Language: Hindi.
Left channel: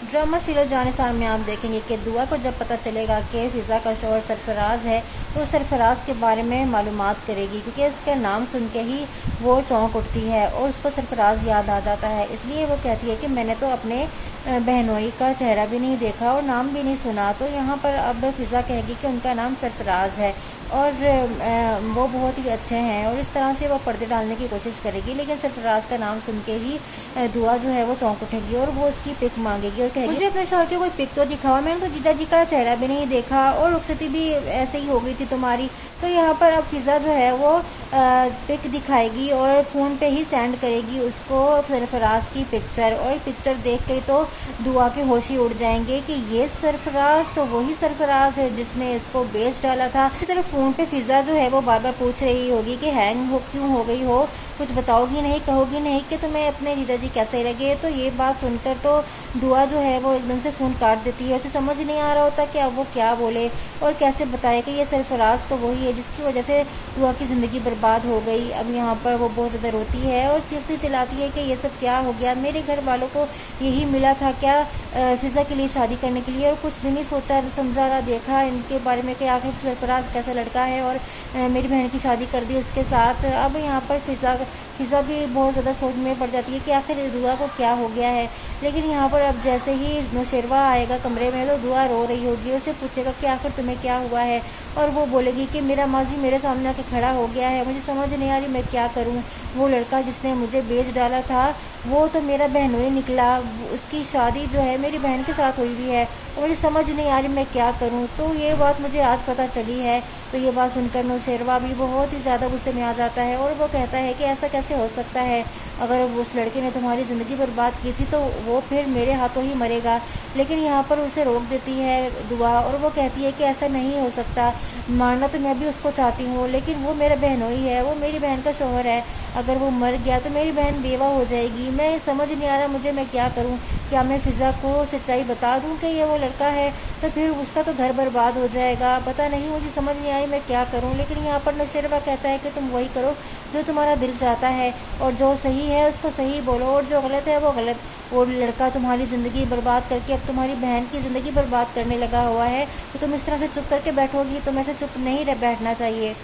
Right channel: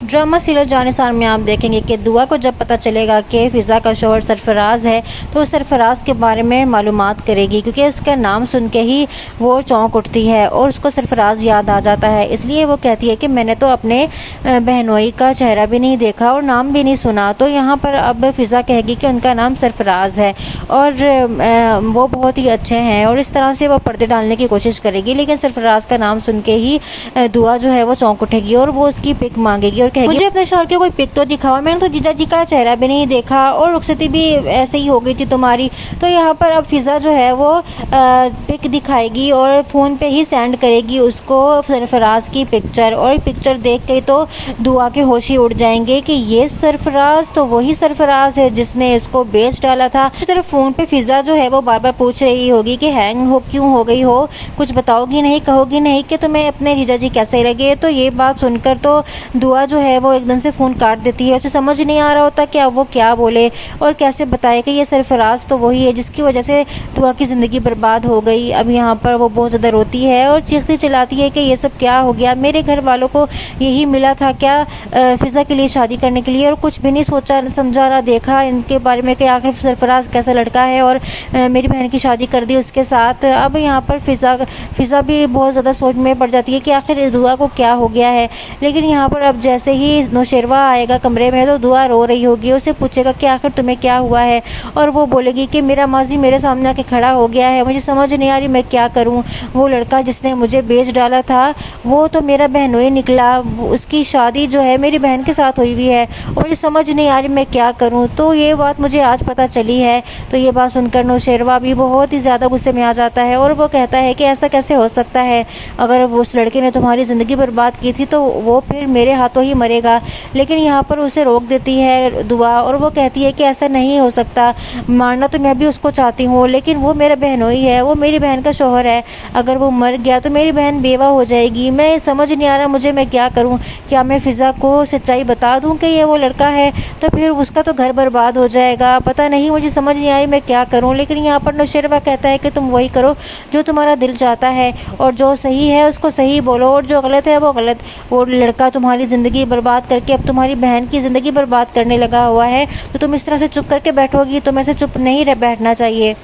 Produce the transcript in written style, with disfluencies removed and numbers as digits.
ड्रामा सीरियल जानिसार में आप देखेंगे कि दुआ को जब पता चलेगा कि फ़िज़ा का शौहर सरफराज है तो सरफराज के बारे में मालूमात करेगी, क्योंकि उसका नाम सुन के ही वो चौंक उठती है और उसको सरफराज याद आ जाता है। इसलिए वो कहती है कि मैंने तो अपने बहनोई का चेहरा भी नहीं देखा और नाम भी नहीं सुना। तो यहाँ पर अब फ़िज़ा कहेगी कि उनका नाम सरफराज है और वो बहुत ही अच्छे हैं, और इस तरह से वो पर्दे डालने की कोशिश करेगी। लेकिन सरफराज का नाम सुन के ही दुआ जो है वो चौंक उठेगी और वो उसकी पिक मांगेगी और कहेगी, मुझे अपने शौहर की कोई पिक तो दिखाओ, मैंने तो जीजा जी का चेहरा भी नहीं देखा और रुखसती भी ऐसे ही हो गई थी तुम्हारी। तो यहाँ पर अब फ़िज़ा जो है वो पिक दिखाएगी और फ़ोन पे ही सेंड करेगी उसको सरफराज की पिक्चर, और पिक्चर देख के तो दुआ के होश ही उड़ जाएंगे कि ये सरफराज तो वही सरफराज है जिसने इसको बेच डाला था। इसी तरह फ़ोन पे फ़िज़ा जो है वो बार बार पूछ रही होगी कि हैंग हो क्यों हो गई हो, कुछ बताओगी नहीं, कहोगी नहीं कि तुम्हें अपने जीजा जी कैसे लगे। तो ये बात सुनकर तो दुआ जो है वो एकदम से फ़ोन काट देती है। उसे समझ नहीं आ रहा होता कि अब वो क्या बोले और कैसे बताए कि ये सरफराज तो वही है जिसकी वजह से दुआ की ज़िंदगी बर्बाद हो गई। अब यहाँ पर वो बहुत ज़्यादा रोती है और चीखती चिल्लाती है कि ये सब क्या हो गया, मेरे घर वालों को यही मिला था क्या फ़िज़ा के लिए शादी करने के लिए, और कुछ भी नहीं सोचा समझा ना देखा इनके बारे में कि आखिर सरफराज कैसा लड़का है, और मेरी बहन की शादी कर दी उसके साथ। अब यहाँ पर फ़िज़ा भी बहुत ज़्यादा सोच में पड़ जाती है कि आखिर इस दुआ को क्या हो गया है। लेकिन यहाँ पर अब जैसे ही नौशेरवा आएगा कमरे में तो दुआ रो रही होगी, उसे पूछेगा कि आखिर तुम्हें क्या हुआ है, और वो बोलेगी कि मेरा माजी मेरे सामने आके खड़ा हो गया है, मुझे समझ नहीं आ रही मैं क्या करूं। वो लड़का जिसने मुझे बेच डाला था वो तो मेरा बहनोई निकला, उसकी शादी जो है मेरी बहन के साथ हुई हुई है और मुझे समझ नहीं आ रही मैं क्या करूँ। तो ये बात मुझे आज पता चली है। तो ये बात सुनकर नौशेरवा भी बहुत ही ज़्यादा गुस्से में आ जाता है और वो कहता है कि ऐसा कैसे हो सकता है, अगर उस लड़के ने तुम्हारी ज़िंदगी बर्बाद की थी तो वो फिर मेरे हाथों ही मरेगा। लेकिन यहाँ पर उसे रोक देती है दुआ और वो कहती है कि ऐसा नहीं हो सकता, मारना तो मैं भी उसको चाहती हूँ लेकिन वो मेरा बहनोई है, वो मेरी बहन का शौहर है, अगर वो मर गया तो मेरी बहन बेवा हो जाएगी। मैं समझ नहीं आ रहा मुझे मैं क्या करूँ, क्या मैं फ़िज़ा को सच्चाई बता दूँ कि ये वो लड़का है तो फिर उसका तो घर बर्बाद हो जाएगा, पता नहीं मुझे समझ नहीं आ रही मैं क्या करूँ। लेकिन यहाँ पर नौशेरवा कहता है कि तुम वही करो जो तुम्हारा दिल चाहता है और जो सही है उसको सही बोलो और जो गलत है वो गलत। वो लड़का तुम्हारी ज़िंदगी बर्बाद करके अब तुम्हारी बहन की ज़िंदगी बर्बाद करने लगा हुआ है, तो तुम इस तरह से चुप करके बैठोगी, तुम्हें ऐसे चुप नहीं बैठना चाहिए।